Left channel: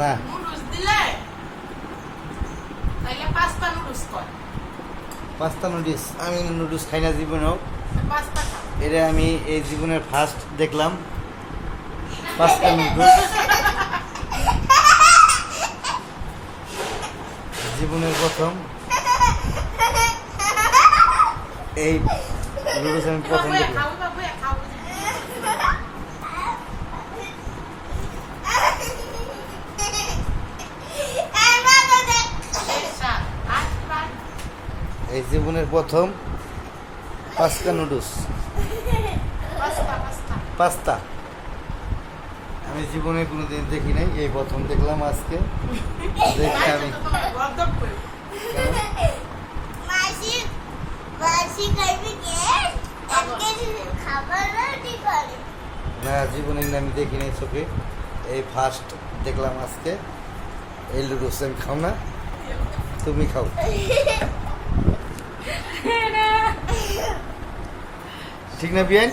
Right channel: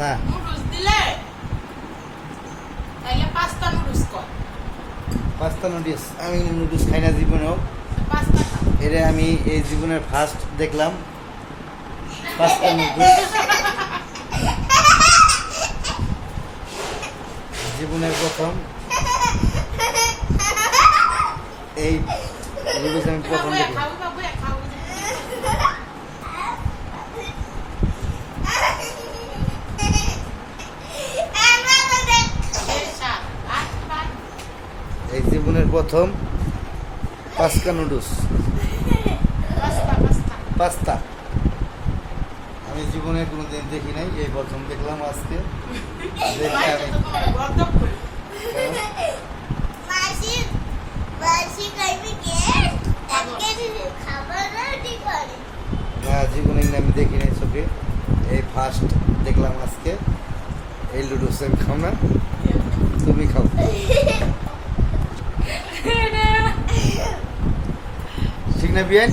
না pasta noodles আমি noodles খাই না জীবনেও। এটা আমি এই জীবনের ফার্স্ট দেখলাম পাস্তা নুডলস, জীবনের প্রথম এই নুডলস আমি প্রথম দেখলাম। এই জীবনের প্রথম পাস্তা নুডলস, পাস্তা আমি জীবনে কোনোদিন দেখি নাই, এই প্রথম দেখলাম আজকে। না জীবনে আমি দেখি নাই চোখে, এই ফার্স্ট দেখলাম আজকে। এই নুডলস আমি খাও না, তুমি খাও। ঠিক না বিয়ান?